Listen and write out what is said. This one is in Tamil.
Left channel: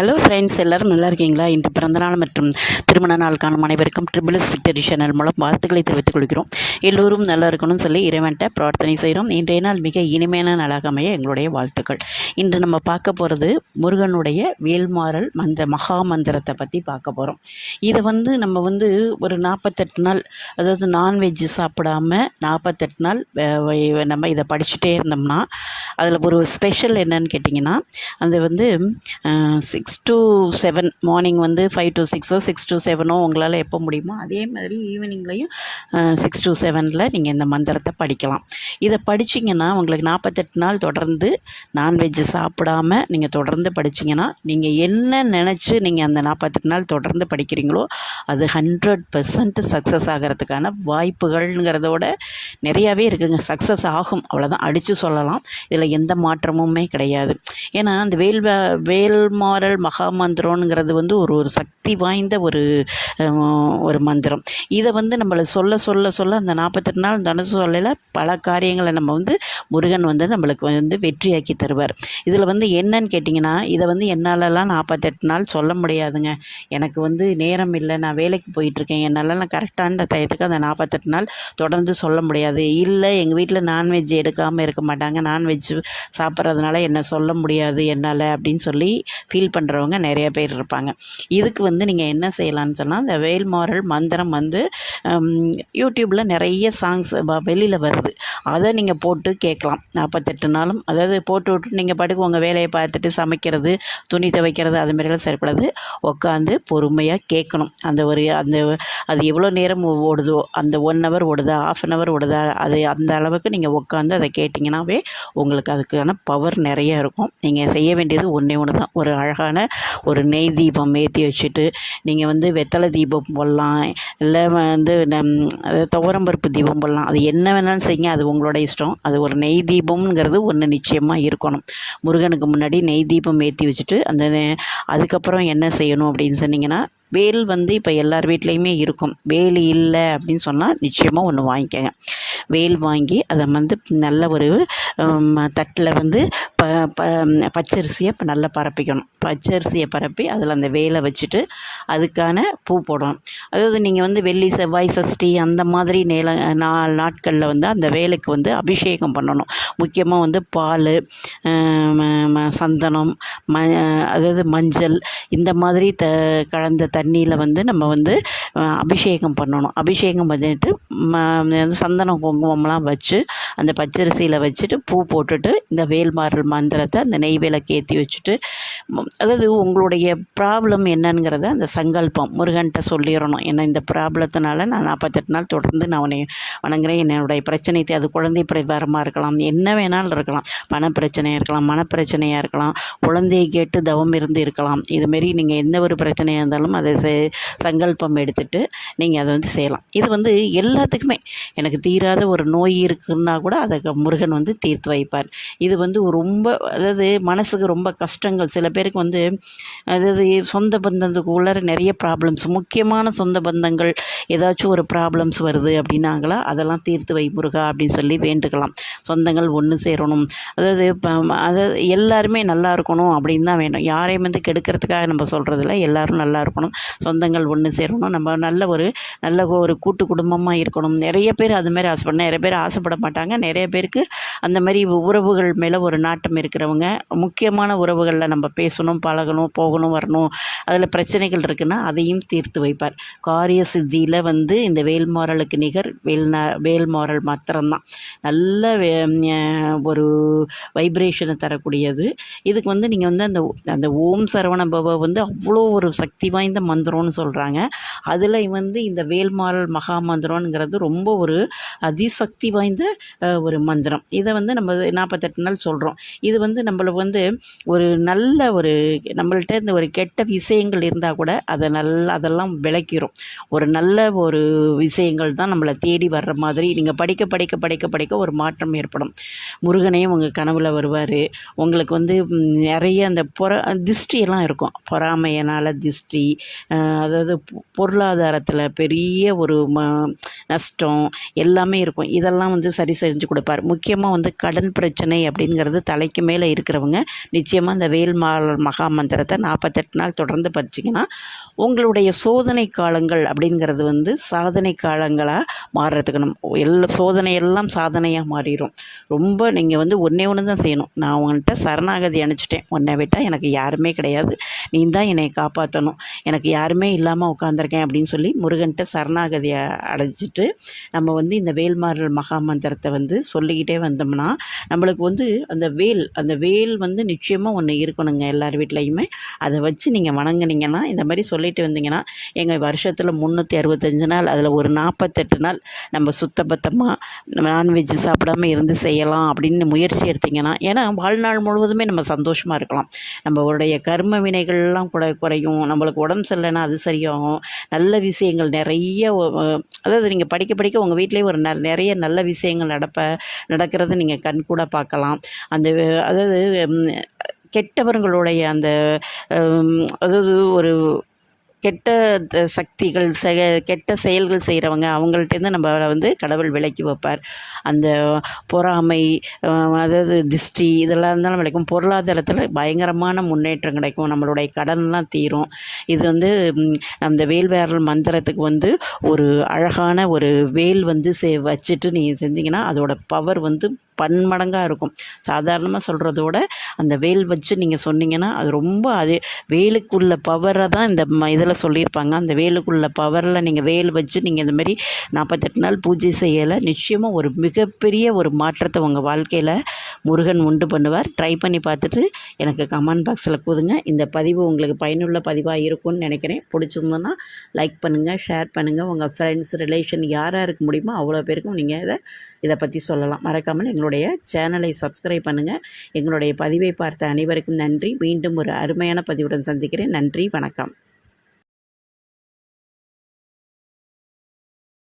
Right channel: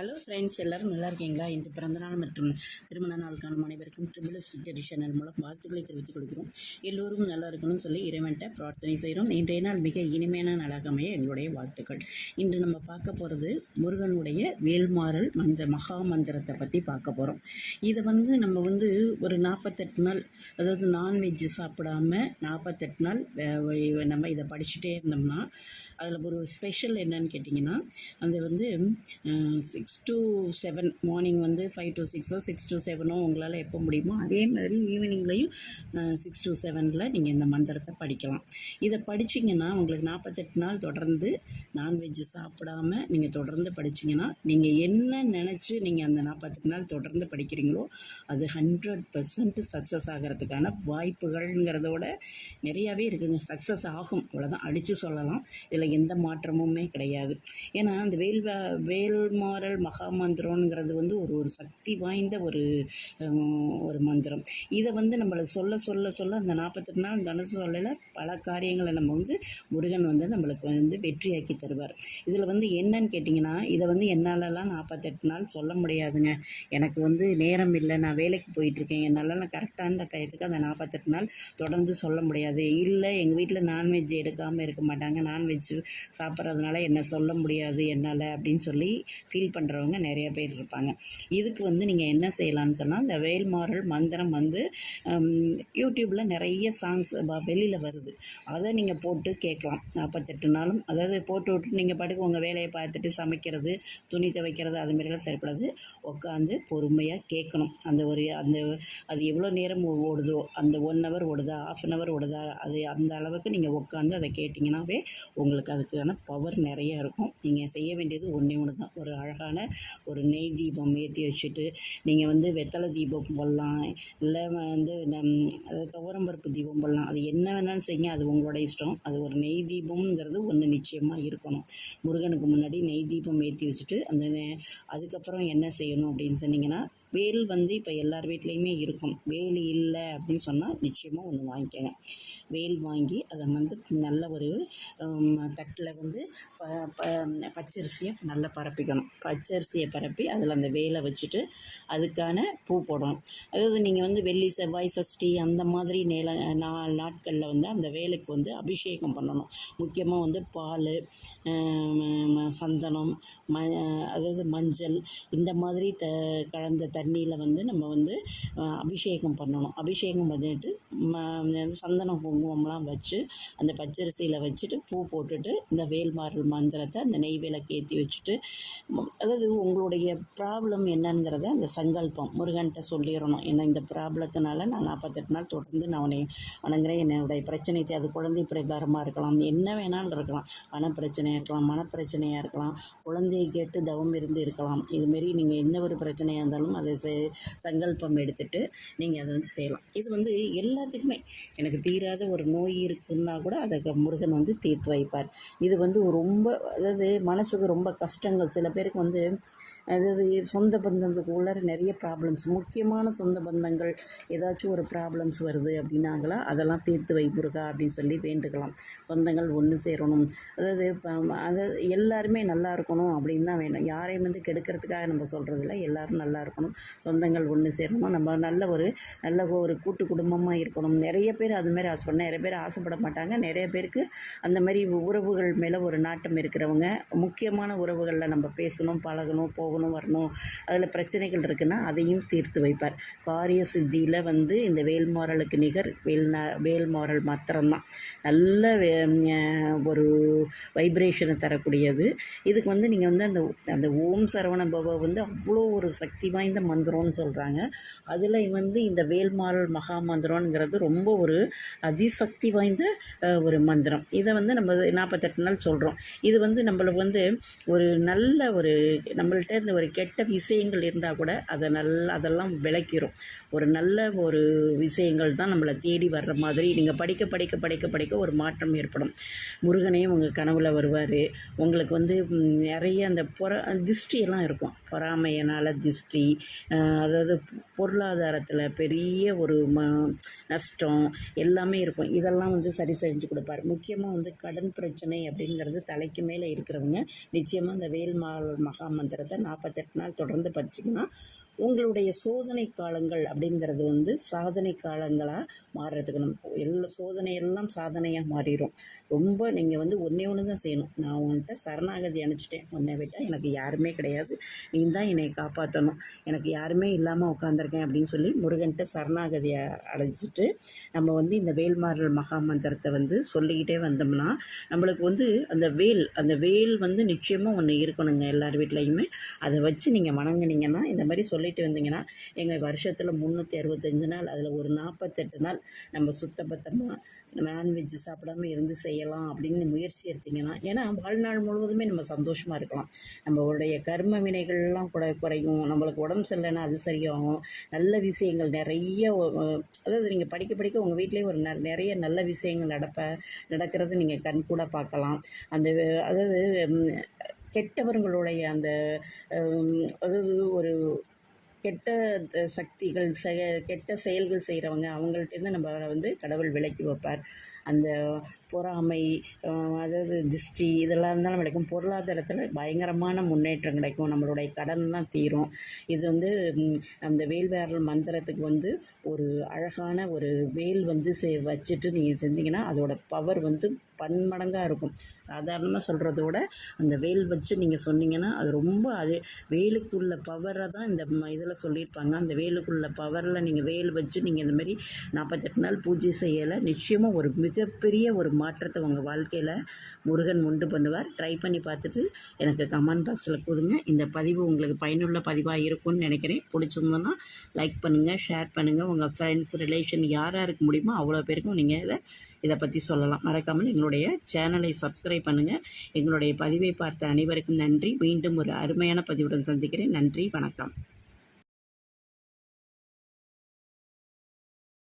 ஹலோ ஃப்ரெண்ட்ஸ், எல்லோரும் நல்லா இருக்கீங்களா? இன்று பிறந்தநாள் மற்றும் திருமண நாள் காணும் அனைவருக்கும் ட்ரிபிள்எஸ் விக்டரி சேனல் மூலம் வாழ்த்துக்களை தெரிவித்துக் கொள்கிறோம். எல்லோரும் நல்லா இருக்கணும்னு சொல்லி இறைவன்ட்ட பிரார்த்தனை செய்கிறோம். இன்றைய நாள் மிக இனிமையான நாளாக அமைய எங்களுடைய வாழ்த்துக்கள். இன்று நம்ம பார்க்க போகிறது முருகனுடைய வேல்மாறல் மகா மந்திரத்தை பற்றி பார்க்க போகிறோம். இதை நம்ம ஒரு 48 நாள், அதாவது நான்வெஜ் சாப்பிடாமல் 48 நாள் நம்ம இதை படிச்சுட்டே இருந்தோம்னா அதில் ஒரு ஸ்பெஷல் என்னன்னு கேட்டிங்கன்னா, அது 6 to 7 மார்னிங் 5 to 6 6 to 7 உங்களால் எப்போ முடியுமோ அதே மாதிரி ஈவினிங்லேயும் 6 to 7 நீங்கள் இந்த மந்திரத்தை படிக்கலாம். இதை படிச்சிங்கன்னா உங்களுக்கு 48 நாள் தொடர்ந்து நான்வெஜ் சாப்பிடாமல் நீங்கள் தொடர்ந்து படிச்சிங்கன்னா, நீங்கள் என்ன நினச்சி நீங்கள் அந்த 48 நாள் தொடர்ந்து படிக்கிறீங்களோ அது 100% சக்ஸஸ் ஆகிறதுக்கான வாய்ப்புகள்ங்கிறதோட நிறையாவே இருக்குங்க. சக்ஸஸ் ஆகும், அவ்வளோதான், அடித்து சொல்லலாம். இதில் எந்த மாற்றமுமே கிடையாது. ஏன்னா அந்த வேல்மாறல் மகா மந்திரம்ங்கிறது ஒரு சக்தி வாய்ந்த ஒரு மந்திரம். இதை நம்மளை சொல்ல சொல்ல சொல்ல அந்த 48 நாள் தனுசு சொல்லையில் பல காரியங்களை நம்ம முருகன் நம்மளுக்கு வெற்றியாக்கி தருவார். இதில் என்னன்னு கேட்டிங்கன்னா, இதை என்னாலலாம் 48 நாள் சொல்ல முடியாதுங்க. எனக்கு நேரம் இல்லை, நான் வேலைக்கு போயிட்டுருக்கேன், என்னாலலாம் கரெக்டான டயத்துக்கு அந்த 48 நாள் தொடர்ந்து சொல்ல முடியாது. இல்லை, எங்கள் வீட்டில் நான்வெஜ் எடுக்காமல் இருக்க மாட்டாங்க, நான்வெஜ் சாப்பிட்றதுனால என்ன சொல்ல முடியாது என்னால் அப்படின்னு சொல்லி ஃபீல் பண்ணுறவங்க நிறைய பேர் இருப்பாங்க. இதுக்கு நீங்கள் என்ன செய்யலான்னு சொன்னால், இந்த வேல்மாறல் மந்திரம் யூடியூப்பில் நிறைய சாங்ஸ் வெளியில் வருது. அதை நீங்கள் போட்டு கேட்கலாம் 48 நாளும். அதாவது போட்டு விட்டு நீங்கள் பாட்டுக்கு உங்கள் வேலையை பார்த்துட்டு சமைக்கிறது, துணி துவைக்கிறது, அது மாதிரிலாம் சரிப்படாது. உட்காந்து பொறுமையாக கேட்கணும். அது எவ்வளோ நேரம் ஓடுதோ, அந்த 1 hour ஓடுதா, ½ an hour ஓடுதா, அது அந்த அளவுக்கு நீங்கள் உட்காந்து அதை கேட்டிங்கன்னாவே உங்களுக்கு அதுக்கான பவர் நிறைய இருக்கும். நீங்கள் செய்ய வேண்டியது ஒன்றே ஒன்று தான். ஒரு அழகான ஒரு நெய் தீபம் ஏற்றி வச்சுட்டு நீங்கள் வெத்தலை தீபம் போடலாம், இல்லை துவரம்பருப்பு தீபம் போடலாம். அது என்ன வேணாலும் செய்யுங்க, அது உங்களோட இஷ்டம். அது ஒரு நெய் தீபம்ங்கிறது ஒன்று நிச்சயமாக இருக்கணும். முருகனுக்கு முன்னாடி நெய் தீபம் ஏற்றி வச்சுட்டு அதுக்கப்புறம் என்ன செய்யணும் அப்படின்னு சொன்னிங்கன்னா, வேல் இப்போ எல்லார் வீட்லேயுமே இருக்கும். வேல் இல்லை அப்படின்னு சொன்னால் நிச்சயமாக ஒன்று வாங்கிக்கோங்க. வேல் வாங்கி அதை நல்ல ஒரு தட்டில் பச்சரிசியை நல்லா பரப்பிக்கணும். பச்சரிசியை பரப்பி அதில் அந்த வேலை வச்சுட்டு அதுக்கான பூ போடணும். அதாவது நீங்கள் வெள்ளி, செவ்வாய், சஷ்டி அந்த மாதிரி நாட்களில் அந்த வேலைக்கு அபிஷேகம் பண்ணணும். முக்கியமாக பால், சந்தனம், அதாவது மஞ்சள், இந்த மாதிரி கலந்த தண்ணியில் நம்ம அபிஷேகம் பண்ணணும். அபிஷேகம் பண்ணிட்டு சந்தனம் குங்குமம்லாம் வச்சு அந்த பச்சரிசியில் வச்சுட்டு பூ போட்டுட்டு இந்த வேல்மாறல் மந்திரத்தை அந்த நெய் விளக்கு ஏற்றி வச்சுட்டு, அதாவது உங்களுடைய ப்ராப்ளம் என்னங்கிறத அந்த சங்கல்பம் முருகன்கிட்ட சொல்லிடணும். ஏன்னா இந்த ப்ராப்ளத்தினால நான் 48 நாள் தொடர்ந்து நான் உன்னை வணங்குறேன். என்னுடைய பிரச்சனை, அது குழந்தை பிரபாரமாக இருக்கலாம், என்ன வேணாலும் இருக்கலாம், பணப்பிரச்சனையாக இருக்கலாம், மனப்பிரச்சனையாக இருக்கலாம், குழந்தையை கேட்டு தவம் இருந்து இருக்கலாம். இதுமாரி நீங்கள் எந்த ஒரு பிரச்சனையாக இருந்தாலும் அதை சங்கல்பம் எடுத்துகிட்டு நீங்கள் அதை செய்யலாம். இது எல்லாத்துக்குமே, எனக்கு தீராத ஒரு நோய் இருக்குன்னா கூட அதை முருகன் தீர்த்து வைப்பார். இது ரொம்ப, அதாவது மனசுக்கு ரொம்ப கஷ்டங்கள் சில பேருக்கு அதாவது சொந்த பந்தத்துக்குள்ள நிறைய ப்ராப்ளம்ஸ், முக்கியமான சொந்த பந்தங்கள் ஏதாச்சும் ஒரு ப்ராப்ளம்ஸ் வருது அப்படின்னாங்களா, அதெல்லாம் தீர்த்து வை முருகா அப்படின்னு சொல்லி வேண்டுக்கலாம். சொந்தங்கள் ஒன்று சேரணும், அதாவது எல்லாருமே நல்லா இருக்கணும் அப்படின்னு தான் வேணும். யாரையும் கெடுக்கிறதுக்காக நம்ம சொல்கிறதில்ல, எல்லோரும் நல்லா இருக்கணும், சொந்தங்கள் ஒன்று சேரணும், நம்ம நல்ல ஒரு கூட்டு குடும்பமாக இருக்கணும். நிறைய பேர் அதுமாரி ஆசைப்படணும், நிறைய பேர் ஆசைப்பட மாட்டாங்க. நிறைய பேருக்கு அந்த மாதிரி உறவுகள் மேலே ஒரு நாட்டம் இருக்கிறவங்க, முக்கியமான உறவுகளில் நம்ம பேசணும், பழகணும், போகணும், வரணும், அதில் பிரச்சனைகள் இருக்குன்னா அதையும் தீர்த்து வைப்பார். காரிய சித்தியில் இந்த வேல்மாறலுக்கு நிகர் வேல்மாறல் மாத்திரம்தான். நல்ல ஒரு வைப்ரேஷனை தரக்கூடியது. இதுக்கு நீங்கள் அந்த ஓம் சரவண பவ அவ்வளோ ஒரு சக்தி வாய்ந்த மந்திரம்னு சொல்கிறாங்க. அதில் இந்த வேல்மாறல் மகா மந்திரம்ங்கிறது ரொம்ப ஒரு அதிசக்தி வாய்ந்த ஒரு மந்திரம். இதை நம்ம 48 நாள் சொல்கிறோம். இது நம்மளை ஒரு நல்ல ஒரு நம்மள்கிட்ட இந்த ஒரு கெட்ட விஷயங்கள் இருந்தால் கூட அதெல்லாம் விளக்கிடும். ஒரு நல்ல ஒரு விஷயங்கள் தான் நம்மளை தேடி வர்ற மாதிரி நீங்கள் படிக்க படிக்க படிக்க படிக்க ஒரு மாற்றம் ஏற்படும். முருகனையும் உங்கள் கனவில் வருவார். உங்களுக்கு நிறைய அந்த திஷ்டியெல்லாம் இருக்கும், பொறாமையினால் திஷ்டி, அதாவது பொருளாதாரத்தில் பெரிய ஒரு நஷ்டம் எல்லாமே இருக்கும். இருக்கும். இதெல்லாம் வந்து சரி செஞ்சு கொடுப்பார். முக்கியமாக வந்து கடன் பிரச்சனை அப்படிங்கிறது தலைக்கு மேலே இருக்கிறவங்க நிச்சயமாக இந்த மகா மந்திரத்தை 48 நாள் தொடர்ந்து படிச்சிங்கன்னா உங்களுடைய சோதனை காலங்கள் அப்படிங்கிறது வந்து சாதனை காலங்களாக மாறுறதுக்கு சோதனையெல்லாம் சாதனையாக மாறிடும். ரொம்ப நீங்கள் வந்து ஒன்றே ஒன்று தான் செய்யணும். நான் உன்கிட்ட சரணாகதி அனுப்பிச்சிட்டேன், உன்னை விட்டால் எனக்கு யாருமே கிடையாது, நீ தான் என்னை காப்பாற்றணும், எனக்கு யாருமே இல்லாமல் உட்காந்துருக்கேன் அப்படின்னு சொல்லி முருகன்கிட்ட சரணாகதியை அடைச்சிட்டு நம்ம வந்து இந்த வேல்மாறல் மகா மந்திரத்தை வந்து சொல்லிக்கிட்டே வந்தோம்னா நம்மளுக்கு வந்து அந்த வேல் வந்து நிச்சயமாக ஒன்று இருக்கணுங்க எல்லார் வீட்லேயுமே. அதை வச்சு நீங்கள் வணங்குனீங்கன்னா இந்த மாதிரி சொல்லிட்டு வந்தீங்கன்னா எங்கள் வருஷத்தில் 365 நாள் அதில் ஒரு 48 நாள் நம்ம சுத்தபத்தமாக நான்வெஜ் சாப்பிடாம இருந்து செய்யலாம் அப்படின்னு முயற்சி எடுத்திங்கன்னா, ஏன்னா வாழ்நாள் முழுவதுமே நம்ம சந்தோஷமாக இருக்கலாம். நம்மளுடைய கர்ம வினைகள்லாம் கூட குறையும். நம்மளுக்கு உடம்பு சரியில்லைன்னா அது சரியாகும். நல்ல விஷயங்கள் நிறைய அதாவது நீங்கள் படிக்க படிக்க உங்கள் வீட்டிலேயே ஒரு நிறைய நல்ல விஷயங்கள் நடக்கிறத நீங்கள் கண்கூட பார்க்கலாம். அதாவது கெட்டவர்களுடைய அந்த அதாவது ஒரு கெட்ட சக்திகள் கெட்ட செயல்கள் செய்கிறவங்க அவங்கள்ட்டேருந்து நம்மளை வந்து கடவுள் விலக்கி வைப்பார். அந்த பொறாமை, அதாவது திஷ்டி இதெல்லாம் இருந்தாலும் விளைக்கும். பொருளாதாரத்தில் பயங்கரமான முன்னேற்றம் கிடைக்கும். நம்மளுடைய கடன்லாம் தீரும். இது வந்து அந்த வேல்மாறல் மந்திரத்துக்கு வந்து ஒரு அழகான ஒரு வேல் வந்து வச்சுட்டு நீங்கள் செஞ்சிங்கன்னா அதோட பவர் வந்து பன்மடங்காக இருக்கும். சாதாரணமாக சொல்கிறதோட அந்த வேல் வச்சு நீங்கள் சொன்னீங்கன்னா அது ரொம்ப வேலுக்குள்ள பவரை தான் இந்த இதில் சொல்லியிருப்பாங்க. அந்த வேலுக்குள்ள பவரில் நீங்கள் வேல் வச்சு நீங்கள் இந்த மாதிரி 48 நாள் பூஜை செய்யலை நிச்சயமாக ஒரு மிகப்பெரிய ஒரு மாற்றத்தை உங்கள் வாழ்க்கையில் முருகன் உண்டு பண்ணுவார். ட்ரை பண்ணி பார்த்துட்டு எனக்கு கமெண்ட் பாக்ஸில் கூதுங்க. இந்த பதிவு உங்களுக்கு பயனுள்ள பதிவாக இருக்கும்னு நினைக்கிறேன். பிடிச்சிருந்தோன்னா லைக் பண்ணுங்கள், ஷேர் பண்ணுங்கள். உங்கள் ஃப்ரெண்ட்ஸ் ரிலேஷன் யாராருக்கு முடியுமோ அவ்வளோ பேருக்கும் நீங்கள் இதை பற்றி சொல்லலாம். மறக்காமல் எங்களுடைய சேனலை சப்ஸ்கிரைப் பண்ணுங்கள். எங்களுடைய பதிவை பார்த்த அனைவருக்கும் நன்றி. மீண்டும் ஒரு அருமையான பதிவுடன் சந்திக்கிறேன். நன்றி, வணக்கம்.